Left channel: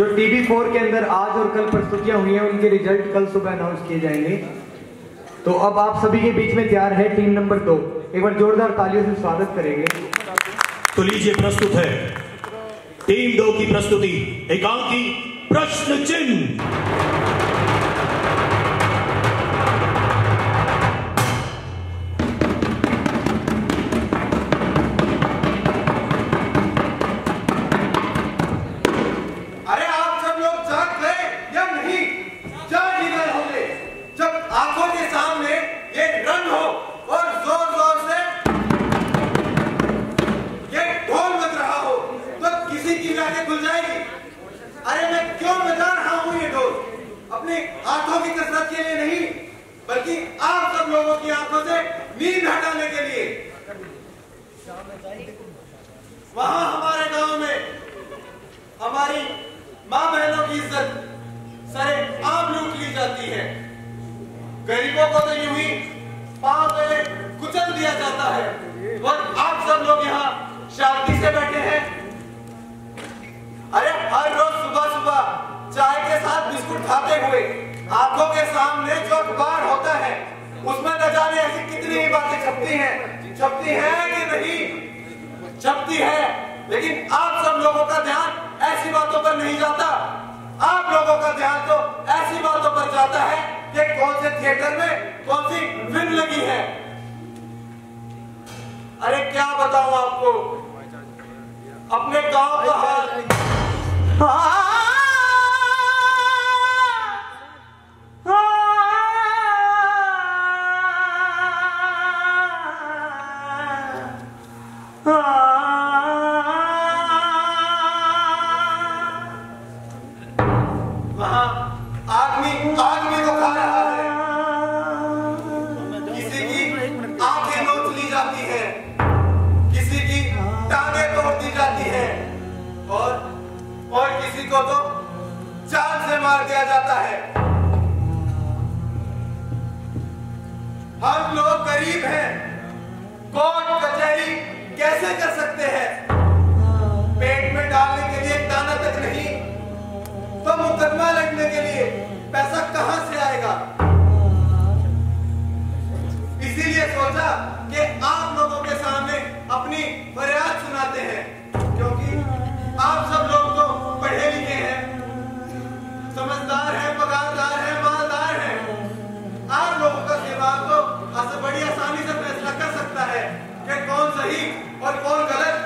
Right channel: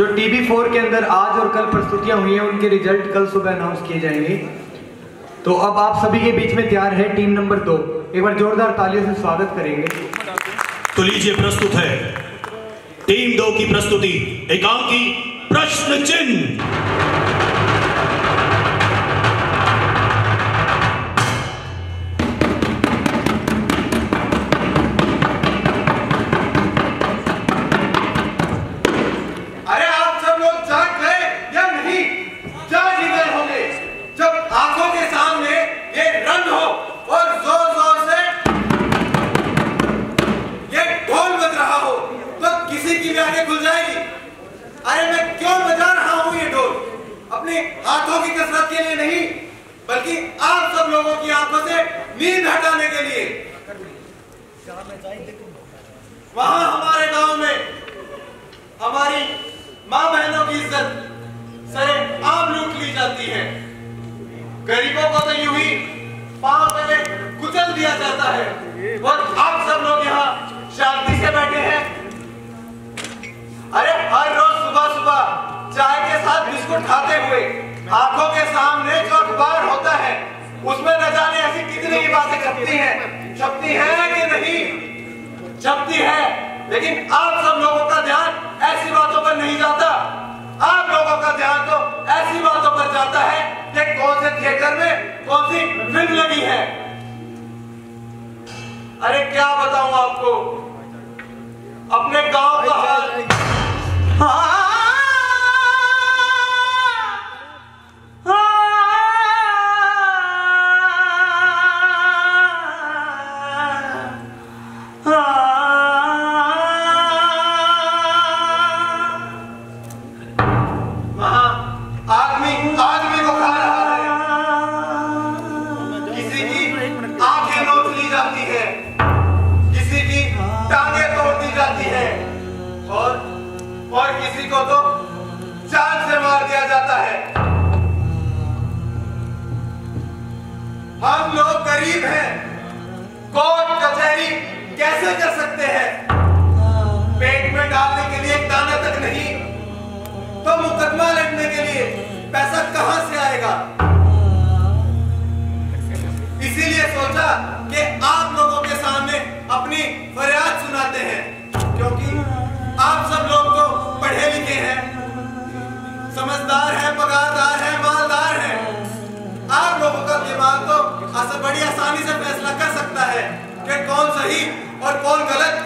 जो TB4 के अंदर आज और कल प्रस्तुतियां हुई हैं उनके रिजल्ट कल सुबह अनाउंस किए जाएंगे। तो अब आप सभी के बीच में तैयार है टीम नंबर 2। एक बार जोरदार तालियों से स्वागत करेंगे। तो लीजिए, प्रस्तुत है टीम 2 की प्रस्तुति, एकांकी प्रश्न चिन्ह। हाथों की कसरत के लिए नहीं, बल्कि आप सब लोगों की आंखों से नींद हटाने के लिए। वहां हमारे गांव में हमारी मां बहनों की इज्जत सरे आम लूट ली जाती है। गरीबों को तो यूं ही पांव तले कुचल दिया जाता है और आप सब लोग यहाँ शांति से बैठे हैं। अरे हर रोज सुबह सुबह चाय के साथ बिस्कुट खाते हुए आंखों के सामने जो अखबार होता है उसमें न जाने ऐसी कितनी ही बातें छपती हैं कि नहीं छपती है, लेकिन आप सब लोगों का ध्यान ऐसी बातों पर नहीं जाता। आप लोगों का ध्यान तो ऐसी बातों पर जाता है कि कौन से थिएटर में कौन सी फिल्म लगी है। अरे क्या बताऊं आपको अपने गांव का हाल। आदमी को खा रहा है, किसी की आंखें नोच ली जाती है, किसी की टांगें तोड़ दी जाती है और किसी को तो जान से मार दिया जाता है। हम लोग गरीब हैं, कोर्ट कचहरी कैसे कर सकते हैं? पेट में डालने के लिए एक दाना तक नहीं तो मुकदमा लड़ने के लिए पैसा कहां से आएगा? इसीलिए सोचा कि आप लोगों के सामने अपनी फरियाद सुनाते हैं, क्योंकि आप सब लोग तो पढ़े लिखे हैं, समझदार हैं, पगारदार हैं, मालदार हैं। आप लोगों का दिमाग तो बड़ी आसानी से फैसला कर सकता है कि कौन सही और कौन गलत।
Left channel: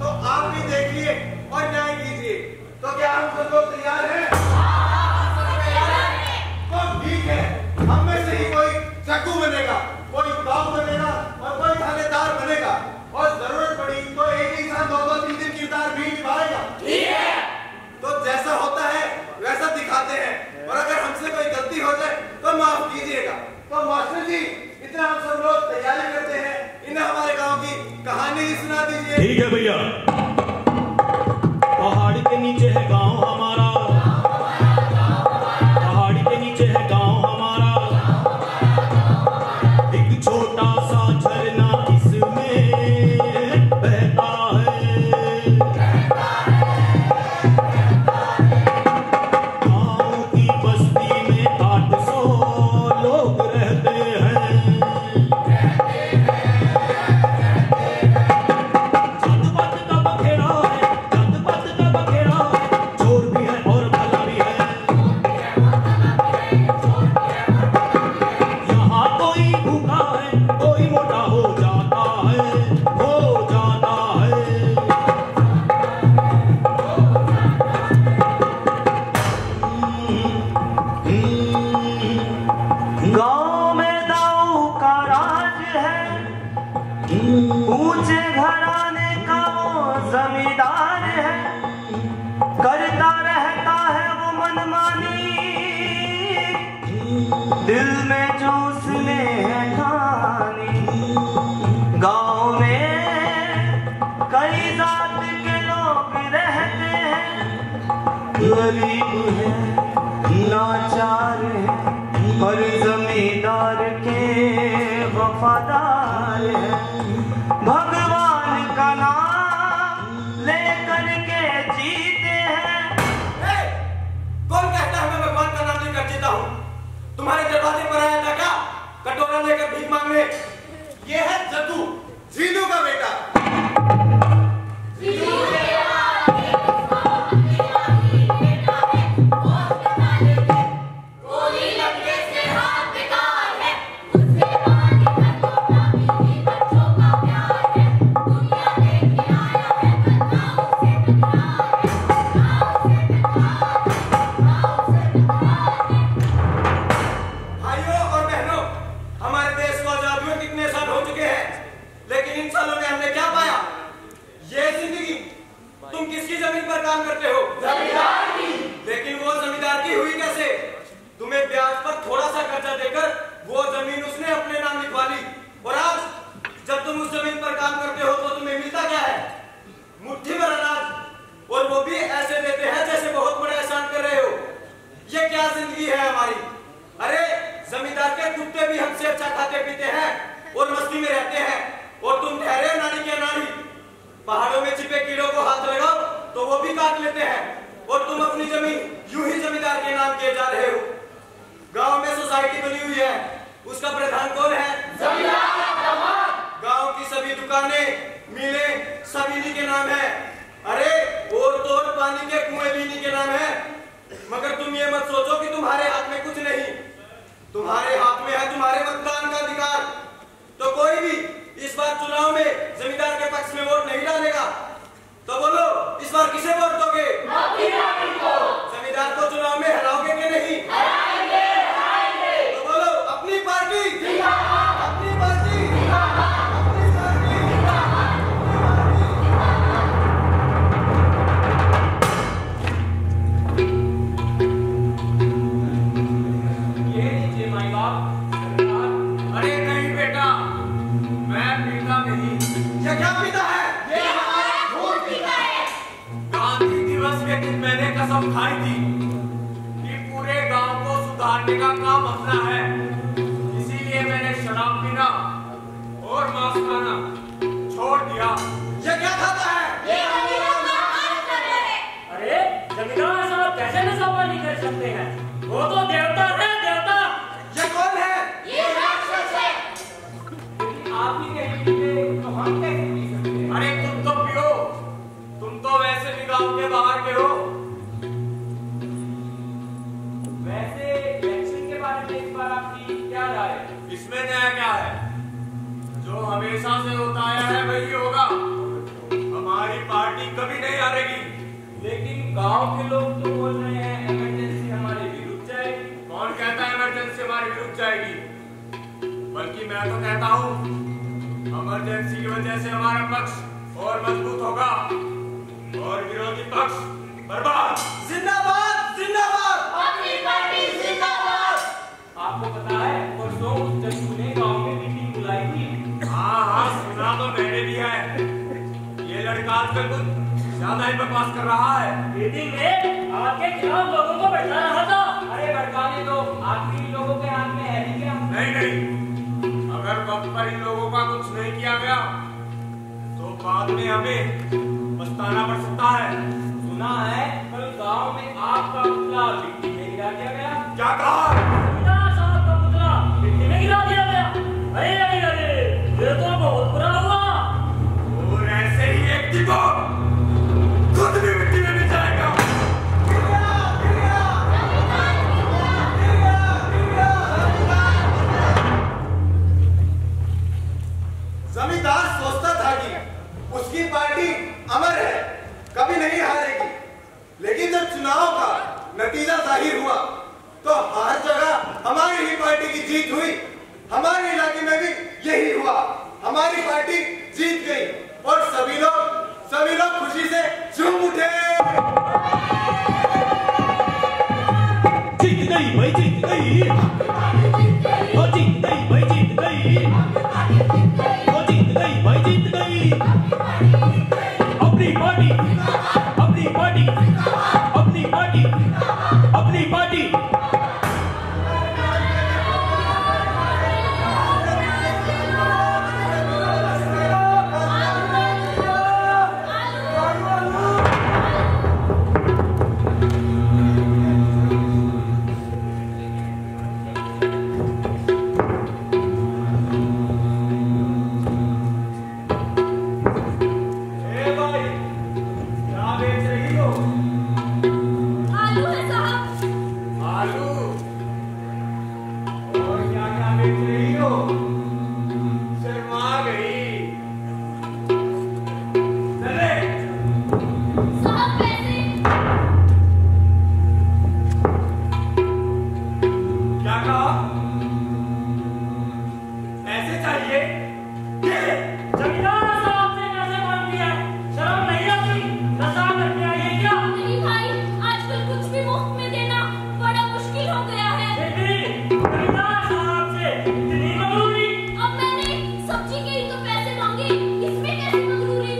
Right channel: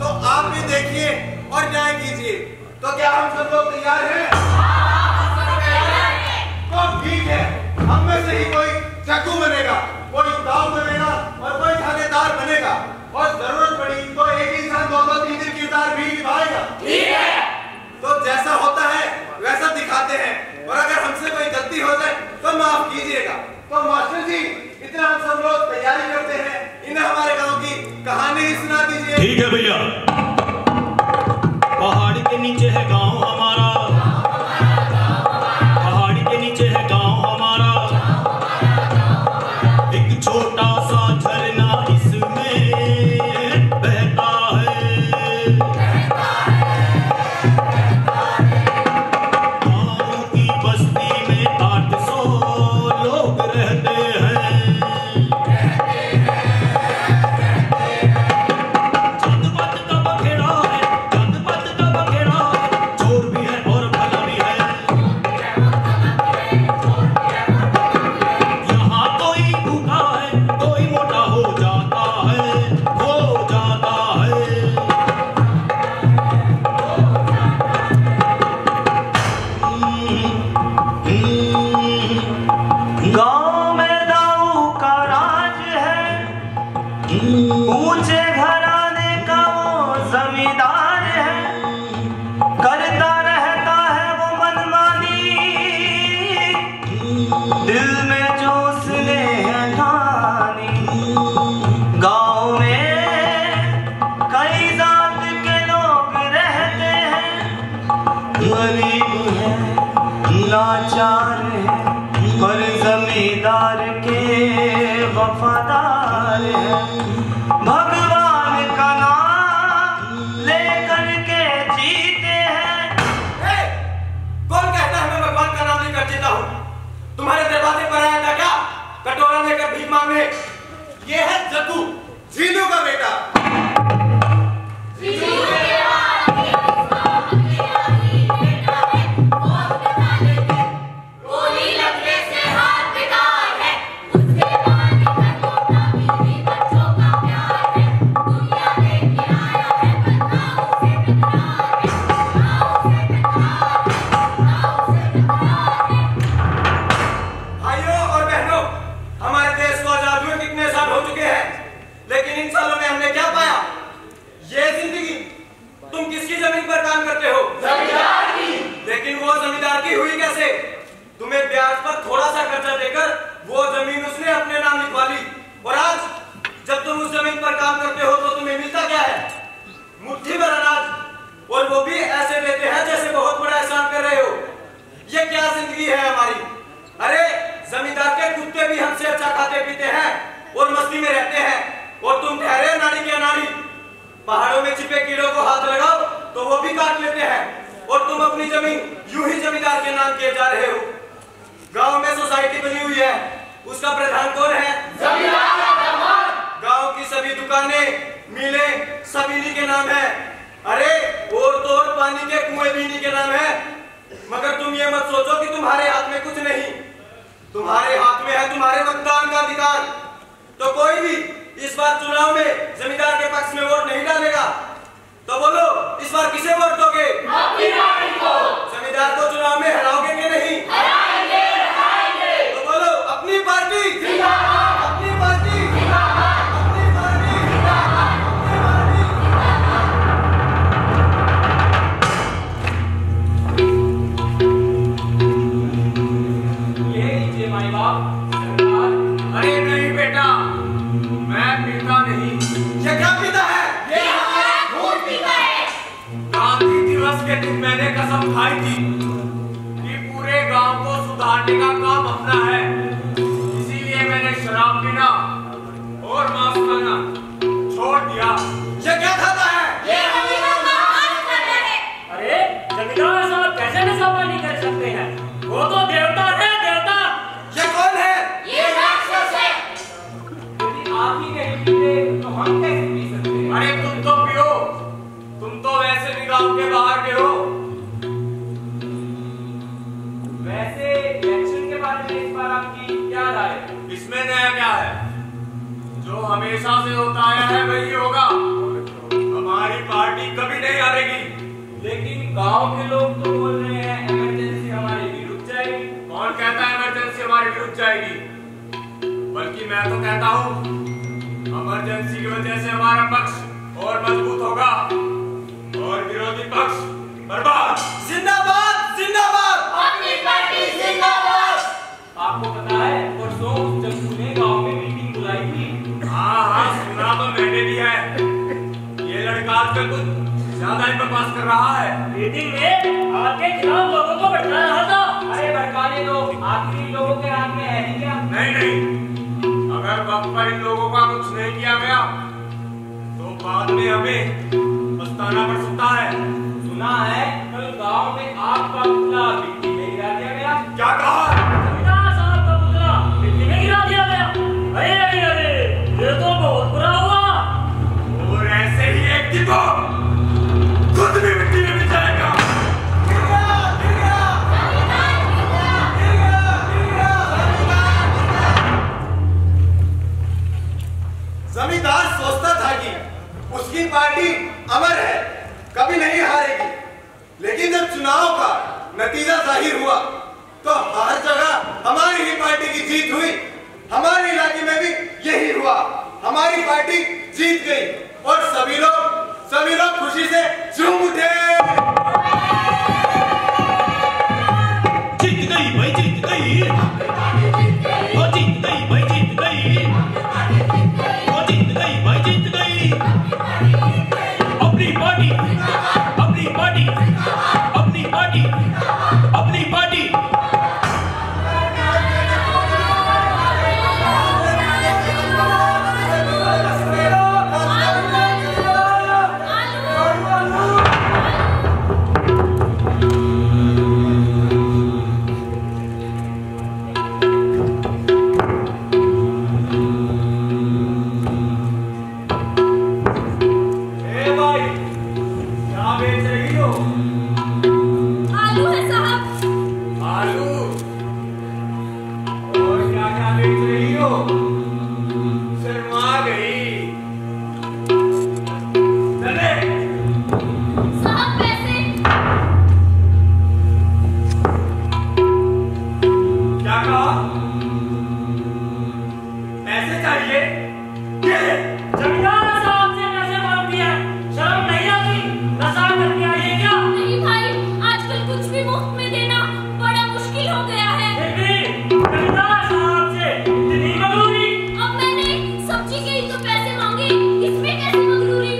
तो आप भी देखिए और न्याय कीजिए। तो क्या हम सब लोग तैयार हैं? तो ठीक है, हम में से ही कोई चाकू बनेगा, कोई दाव बनेगा और कोई थानेदार बनेगा, और जरूरत पड़ी तो एक इंसान 2-3 किरदार भी निभाएगा। ठीक है। तो जैसा होता है वैसा दिखाते हैं, और अगर हमसे कोई गलती हो जाए तो माफ कीजिएगा। तो मास्टर जी, इतना हम सब लोग तैयारी करते हैं, इन्हें हमारे गांव की कहानी ही सुना दीजिए। ठीक है भैया। पहाड़ी के नीचे है गांव हमारा, पहाड़ी के नीचे है गांव हमारा, एक छोटा सा झरना इसमें बहता है। गांव की बस्ती में 800 लोग रहते हैं। ऊंचे घराने का वो जमींदार है, करता रहता है वो मनमानी, दिल में जो उसने है ठानी। गांव में कई जात के लोग रहते हैं, गरीब है, लाचार है, पर जमीन कटोरा लेकर भीख मांगने। ये है जग्गू, जीलू का बेटा। लेकिन इन सालों में हमने क्या पाया? ये जिंदगी तुम किसकी जमीन पर काम करते हो? जमींदार की। लेकिन वो जमींदार की हुई कैसे? तुम्हें ब्याज पर थोड़ा सा कर्जा देकर वो जमीन उसने अपने नाम लिखवा ली, और आज जब तुम उस जमीन पर काम करते हो तो तुम्हें मिलता क्या है? मुट्ठी भर अनाज, और वो भी ऐसे देते हैं जैसे बहुत बड़ा एहसान कर रहे हो। ये क्या जिंदगी है हमारी? अरे जमींदार के कुत्ते भी हमसे अच्छा खाते पीते हैं और मस्ती में रहते हैं, और तुम ठहरे नाड़ी के नाड़ी। पहाड़ों में छिपे कीड़ों को हाथ लगाओ तो वो भी काट लेते हैं, और तुम अपनी जमीन यूं ही जमींदार के नाम किए जा रहे हो। गांव में सोसाइटी बनी हुई है, उसका प्रधान कौन है? जमींदार का दामाद। गांव की सभी दुकानें, मिलें सब इन्हीं के नाम है। अरे और तो और पानी के कुएं भी इन्हीं के नाम है। मगर तुम ये मत सोचो कि तुम्हारे हाथ में कुछ नहीं। तुम्हारे हाथ में है तुम्हारे मतदान का अधिकार। तो कोई भी इस बार चुनाव में जमींदार के पक्ष में वोट नहीं डालेगा तो बोलो इस बार किसे वोट दोगे? जमींदार को चुनाव में हराओगे कि नहीं? हराएंगे, हराएंगे। तो बोलो अपनी पार्टी जिंदाबाद, अपनी पार्टी जिंदाबाद, अपनी पार्टी जिंदाबाद, अपनी पार्टी। ये लीजिए माई बाप। अरे नहीं बेटा, मैं पीता नहीं। ये क्या पीता है? ये हमारा खून पीता है। गांधी दिवस के दिन मैंने कसम खाई थी कि पूरे गांव को सुधारने का काम अपना है। इसीलिए मैंने शराब पीना और मांस खाना छोड़ दिया। ये क्या खाता है? ये अरे जमींदार साहब कैसे नशा पानी कर सकते हैं? वो तो देवता है, देवता। ये कौन है? ये राक्षस है। यदि आप ही नहीं पीते तो हम कैसे पी सकते हैं? अरे तुम तो पियो, तुम तो वैसे भी गांव के बाहर के हो। वैसे इलेक्शन के बारे में इस बार आपकी क्या राय है? इसमें नया क्या है? जो हमेशा से होता आया है वही होगा। हमारी पार्टी कभी नहीं हारेगी। लेकिन गांव के लोग तो बोल रहे हैं इमरजेंसी हमारी भी रुक जाएगी। कौन कहता है इमरजेंसी हमारी भी रुक जाएगी? बल्कि मैं तो कहता हूँ इमरजेंसी की वजह से हमारा पक्ष और मजबूत होगा और विरोधी पक्ष बर्बाद। जिंदाबाद, जिंदाबाद, अपनी पार्टी जिंदाबाद। आपको पता है परसों उस जग्गू ने गांव में मीटिंग बुलाई थी। हाँ हाँ सुना तो मैंने भी है। ये लड़का आजकल कुछ ज्यादा ही बकवास कर रहा है। मीटिंग में आपके खिलाफ लोगों को भड़का रहा था। अरे भड़काने दो, आखिरी लोगों के हाथ में है ही क्या? नहीं नहीं, अगर वक्त पर इन लोगों का कुछ नहीं किया गया तो बाद में हमें पछताना पड़ सकता है। सुना है कल गांव में आपका पुतला मिट्टी में गिरा दिया गया। क्या कहा? जमींदार साहब का पुतला मिट्टी में गिरा दिया गया। अरे अरे अरे ये तो बहुत बुरा हुआ। और ऐसे ही एक दिन को खुद भी मिट्टी में मिल जाएगा। जमींदार सोचता था कि उसकी पार्टी अमर है, कभी नहीं हारेगी। लेकिन जब चुनाव का नतीजा जाहिर हुआ तो हर जगह हमारी ही पार्टी की जीत हुई। हमारे इलाके में भी यही हुआ, हमारी पार्टी जीत गई और सभी लोग खुशी से झूम उठे। जीत गई भाई, जीत गई, वो जीत गई भाई, जीत गई, वो जीत गई भाई, जीत गई। अपनी पार्टी, अपनी पार्टी, अपनी पार्टी, अपनी पार्टी। बेच रही हो? शर्मा गई। चले। साहब पैसे। क्या कहा? पैसे चाहिए? जमींदार साहब से पैसे मांग दिए, शर्म नहीं आती? नशा करके आई है क्या? नहीं भाई, आजकल कुछ भी मुफ्त में देना बड़ा मुश्किल हो गया है। फिर भी जमींदार साहब से इतनी मगरूरी? अब मैंने सब्जी के ही तो पैसे मांगे, इसमें कैसे मगरूरी?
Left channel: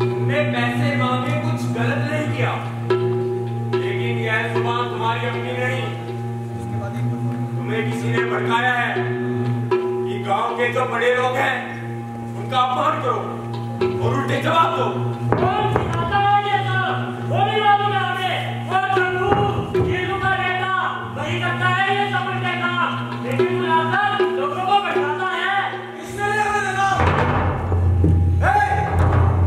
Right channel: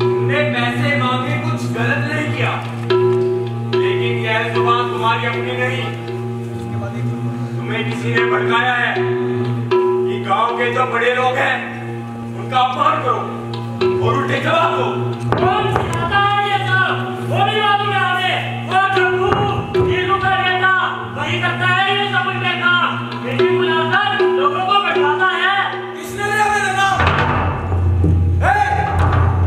तुमने पैसे मांगे कुछ गलत नहीं किया, लेकिन यह जुबान तुम्हारी अपनी नहीं। तुम्हें किसी ने भड़काया है कि गांव के जो बड़े लोग हैं उनका अपमान करो और उल्टे जवाब दो। कौन सिखाता है ये सब? वो भी मालूम है हमें। वो चप्पू नीलू का बेटा वही करता है ये सब उनके काम। मीटिंग बुलाकर लोगों को बैठाता है। किसने लिया मेरा नाम?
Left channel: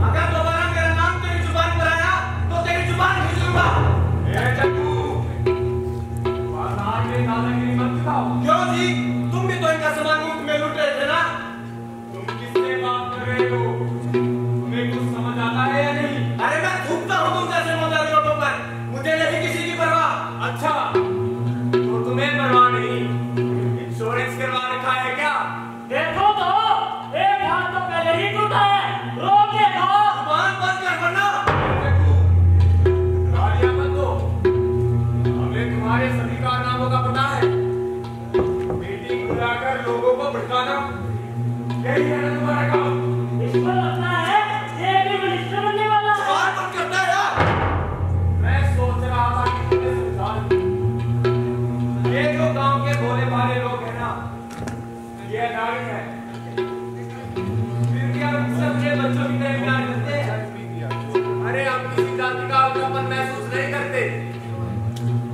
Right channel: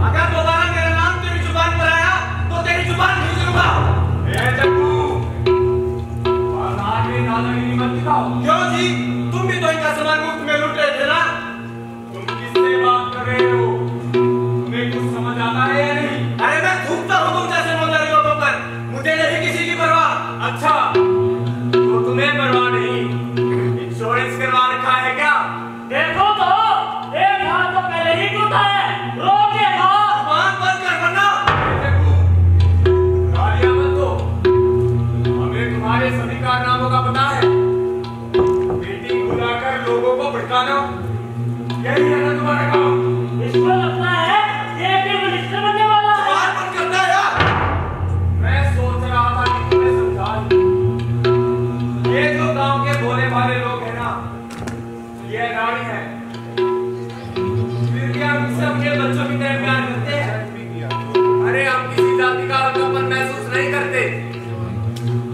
अगर दोबारा मेरा नाम तेरी जुबान पर आया तो तेरी जुबान खींच लूंगा। चप्पू, बाजार में दादागिरी मत दिखाओ। क्यों जी? तुम भी तो इनका सामान मुफ्त में लूट रहे थे ना? तुम किससे बात कर रहे हो? तुम्हें कुछ समझ आता है या नहीं? अरे मैं थूकता हूँ तुम जैसे मौजारी लोगों पर, मुझे नहीं किसी की परवाह। अच्छा, तो तुम्हें परवाह नहीं? इंश्योरेंस करवा रखा है क्या? देखो तो एक हाथ तो पहले ही टूटा है। रोक देखो। जुबान बंद कर वरना। गालियां मत दो। हमें तुम्हारे सभी कारनामों का पता है। मीटिंग बुलाकर लोगों को भड़काना, यही है ना तुम्हारा काम? इसको लगता है ये भी मिनिस्टर बनने वाला है। जुबान बंद करना है यार। मैं सोच रहा था कि तुम्हें समझा दूं। ये जो गांव के भोले भाले लोग हैं ना, ये नारी है। फिर भी हम इससे अपने बच्चों की तरह प्यार करते हैं। अरे हम किसी जाति का हल्कापन महसूस नहीं करते।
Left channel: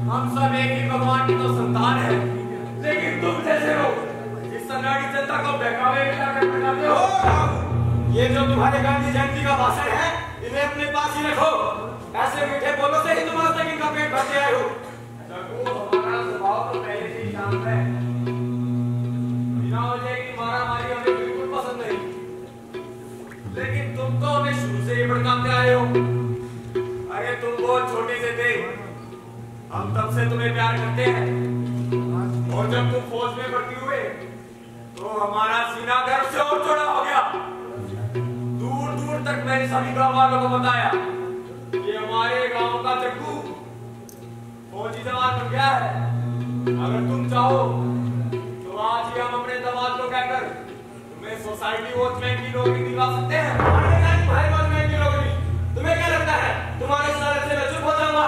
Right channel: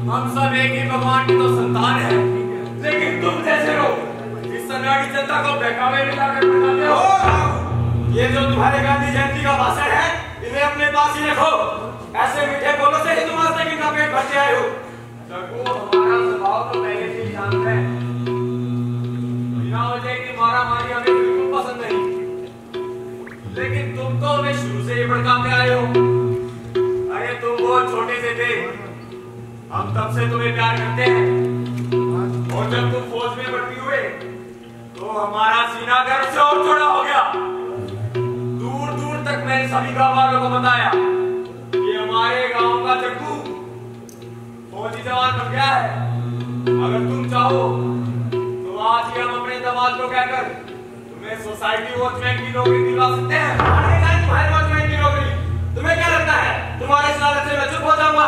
हम सब एक ही भगवान की तो संतान है। लेकिन तुम जैसे लोग इस सन्नाटी जनता को बहकावे में लाकर बताते हो। ये जो तुम्हारे गांधी जयंती का भाषण है, इन्हें अपने पास ही रखो। ऐसे मीठे बोलों से ही तुम आज तक इनका पेट भरते आए हो। देखो, हमारा स्वभाव तो पहले से ही शांत है। बिना वजह की मारामारी हमें बिल्कुल पसंद नहीं। लेकिन तुम तो हमें शुरू से ही भड़काते आए हो। अरे तुम बहुत छोटे से थे, हम तब से तुम्हें प्यार करते हैं। और जब तुम फौज में भर्ती हुए तो हमारा सीना गर्व से और चौड़ा हो गया। दूर दूर तक मैंने सभी गांव वालों को बताया कि हमारे गांव का चक्कू फौजी जवान बन गया है। अगर तुम चाहो तो आज ही हम अपने दामाद को कहकर तुम्हें सोसाइटी वॉचमैन की नौकरी दिलवा सकते हैं। तुम्हारे वॉचमैन की नौकरी? तुम्हें क्या लगता है तुम्हारे इस लालच से मैं चुप हो जाऊंगा?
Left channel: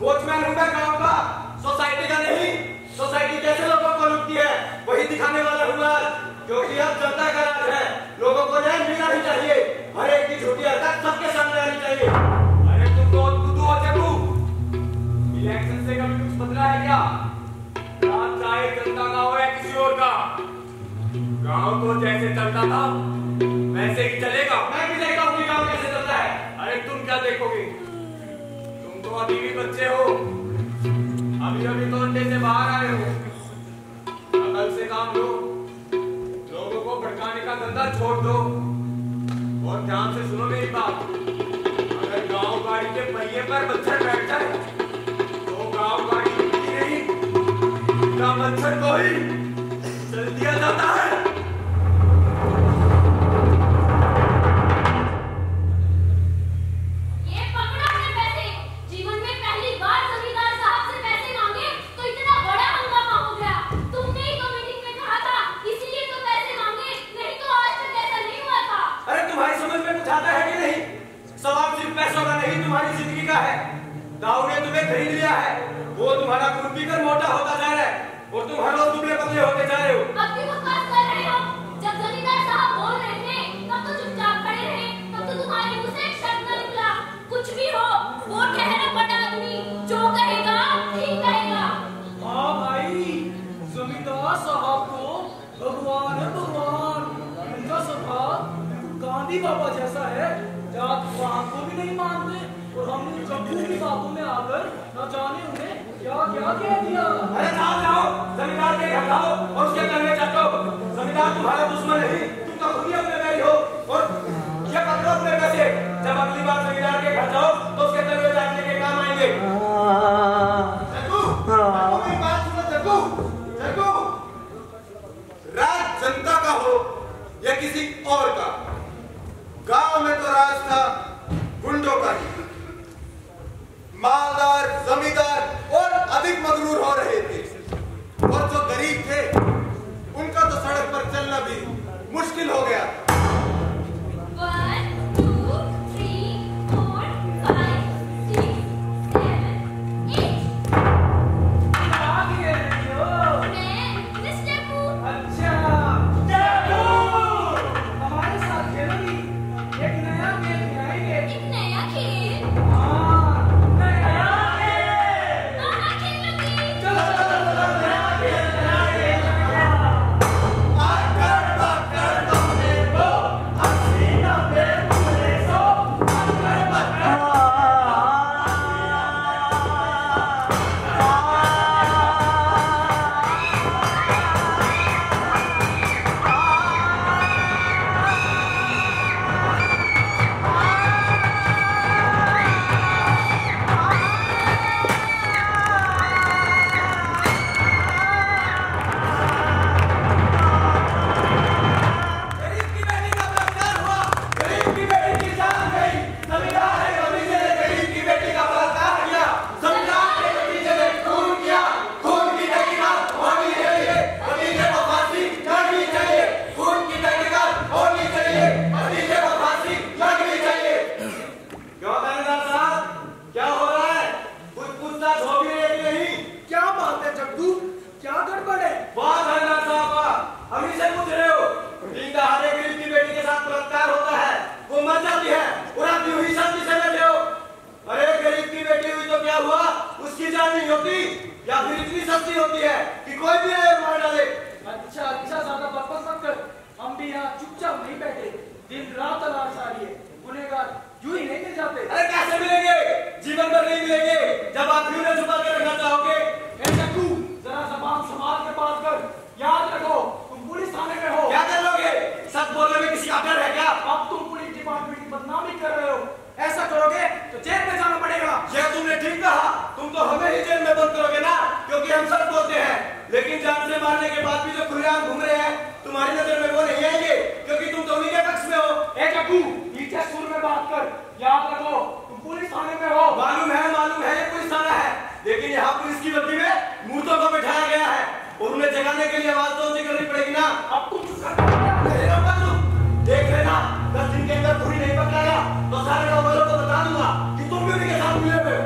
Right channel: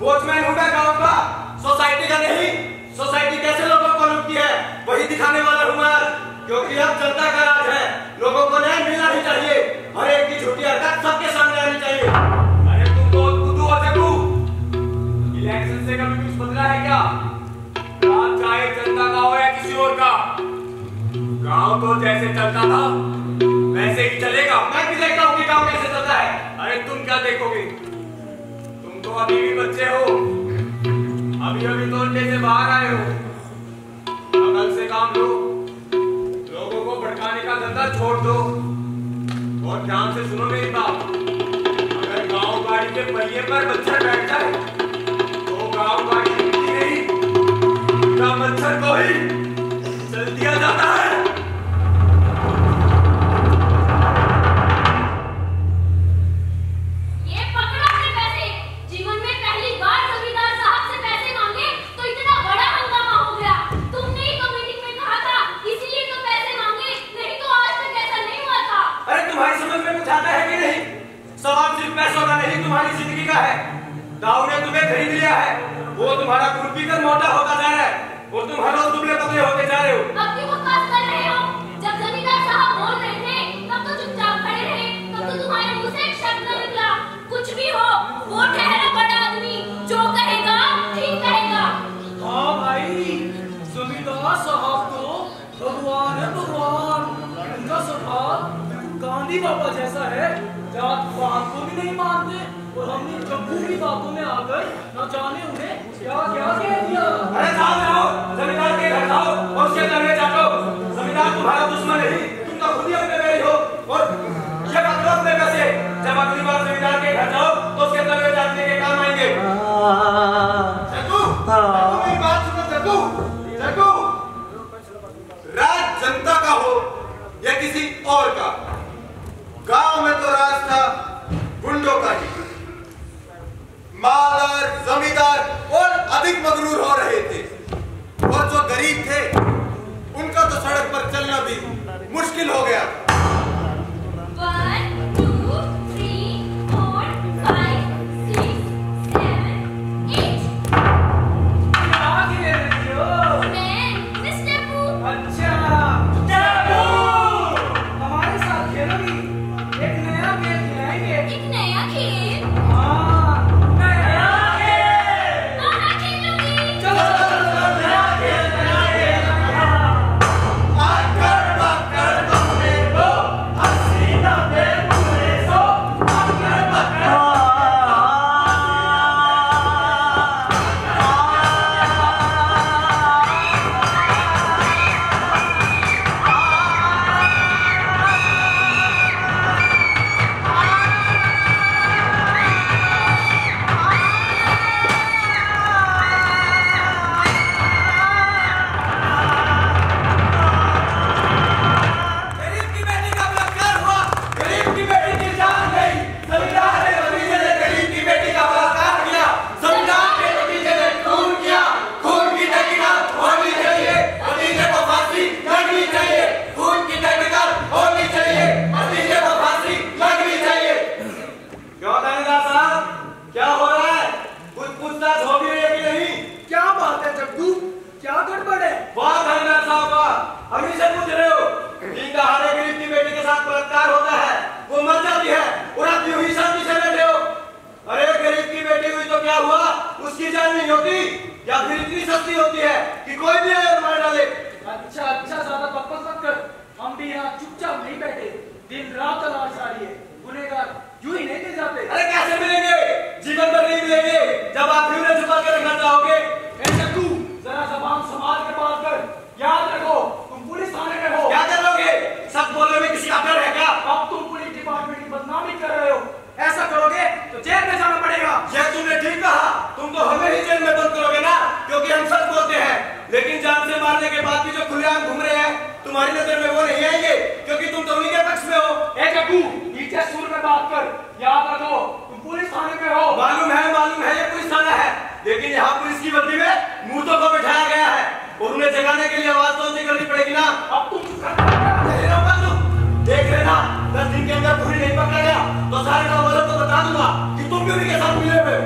वॉचमैन हूं मैं गांव का, सोसाइटी का नहीं। सोसाइटी कैसे लोगों को लूटती है वही दिखाने वाला हूं मैं। क्योंकि अब जनता का राज है, लोगों को न्याय मिलना ही चाहिए। हर एक की झूठी हरकत सबके सामने आनी चाहिए। अरे तुम तो बुद्धू हो चक्कू। इलेक्शन से कभी कुछ बदला है क्या? राज चाहे जनता का हो या किसी और का, गांव तो जैसे चलता था वैसे ही चलेगा। मैं भी देखता हूँ कि गांव कैसे चलता है। अरे तुम क्या देखोगे? तुम तो अभी भी बच्चे हो, अभी अभी तो अंडे से बाहर आए हो। अकल से काम लो, लोगों को भड़काने का धंधा छोड़ दो। और ध्यान से सुनो मेरी बात। अगर गांव गाड़ी के पहिए पर मच्छर बैठ जाए तो गांव गाड़ी रुकती नहीं, उल्टा मच्छर को ही चल दिया जाता है। ये पकड़ो अपने पैसे। जीवन में पहली बार जमींदार साहब से पैसे मांगे तो इतना बड़ा हंगामा हो गया। तुमने ही तो मीटिंग में कहा था, इसीलिए तो पैसे मांगे, नहीं तो आज तक ऐसा नहीं हुआ था। अरे तुम्हारी समझ में कुछ आता है कि नहीं? सवाल सिर्फ पैसों का नहीं, तुम्हारी जिंदगी का है। दाऊ ने तुम्हें खरीद लिया है, वो तुम्हारा खून पीकर मोटा होता जा रहा है और तुम हर रोज दुबले पतले होते जा रहे हो। अब क्यों बकवास कर रहे हो? जब जमींदार साहब बोल रहे थे तब तो चुपचाप खड़े रहे, तब तो तुम्हारे मुंह से एक शब्द न निकला। कुछ भी हो, वो ठहरा बड़ा आदमी, जो कहेगा ठीक कहेगा। हाँ भाई, जमींदार साहब तो भगवान है भगवान। उनका स्वभाव गांधी बाबा जैसा है, जात पात को भी नहीं मानते और हमने जब भी बातों में आकर न जाने उन्हें अरे जाओ जाओ, जमींदार के घर जाओ और उसके घर में जाओ। जमींदार तुम्हारा दुश्मन नहीं, तुम तो खुद ही अपने बैरी हो। और ये पकड़ो अपने पैसे, जब अगली बार जमींदार के घर जाओ तो उसके घर में जाने के काम आएंगे। जग्गू, मेरी बात सुनो जग्गू। जग्गू, राज जनता का हो या किसी और का, गांव में तो राज था गुंडों का ही। मालदार, जमींदार और अधिक मगरूर हो रहे थे, और जो गरीब थे उनका तो सड़क पर चलना भी मुश्किल हो गया। 1 2 3 4 5 6 7 8 मैं मिस टेपू। अच्छा टेपू, हमारे साथ खेलोगी? एक नया खेल खिलाएंगे। एक नया खेल? हाँ, नया खेल। हाँ, खेलूंगी। चलो नया खेल आकर पकड़ बम्बे को, हसीना पे पूरे सो। आकर पकड़ गरीब की बेटी का बलात्कार हुआ, गरीब की बेटी की जान गई। जमींदार ने भतीजे ने गरीब की बेटी का बलात्कार किया। जमींदार के भतीजे ने खून किया। खून की तहकीकात होनी चाहिए, भतीजे को फांसी लगनी चाहिए। खून की तहकीकात होनी चाहिए, भतीजे को फांसी लगनी चाहिए। क्यों थानेदार साहब, क्या हो रहा है? कुछ पूछताछ हो भी रही है कि नहीं? क्या बात है जग्गू, क्या गड़बड़ है? वाह थानेदार साहब वाह, अभी से पूछ रहे हो। दिन दहाड़े गरीब की बेटी के साथ बलात्कार होता है, वो मर जाती है और आप यूं ही शांति से बैठे हो। अरे गरीब की बेटी हुई तो क्या हुआ, उसकी जान नहीं होती या फिर इतनी सस्ती होती है कि कोई भी आए और मार डाले। अच्छा अच्छा, ज्यादा बकवास मत कर। हम भी यहाँ चुपचाप नहीं बैठे, दिन रात तलाश आ रही है। गुनहगार यूं ही नहीं मिल जाते। अरे कैसे मिलेंगे, जीवन भर नहीं मिलेंगे जब आप भी उन्हें छुपा के रखना चाहोगे। ए जग्गू, जरा जबान संभाल के बात कर। याद रखो, तुम पुलिस थाने में हो। क्या कर लोगे, सब बोलने में किसी का डर है क्या? अब तुम पुलिस डिपार्टमेंट की बदनामी कर रहे हो। ऐसा करोगे तो जेल में जाना पड़ेगा। ये तुमने ठीक कहा, तुम तो हमें ही जेल में बंद करोगे ना, क्योंकि हम सच बोलते हैं। लेकिन जान से मारने के बाद भी जो खुलेआम घूम रहे हैं, तुम्हारी नजर में वो नहीं आएंगे, क्योंकि तुम तो उन्हीं के पक्ष में हो। ए जग्गू, नीचे सुर में बात कर। याद रखो, तुम पुलिस थाने में हो। मालूम है ये पुलिस थाना है, लेकिन यहाँ पुलिस की वर्दी में मूर्तों को बिठाया गया है और उन्हें जगाने के लिए आवाज तो ऊंची करनी पड़ेगी ना। अब तुम चुप कर। देख लेना, 10 दिन के अंदर पूरी नहीं पकड़ा गया तो सारे गाँव वालों को बता दूंगा कि तुम भी उन्हीं के साथ मिले हुए।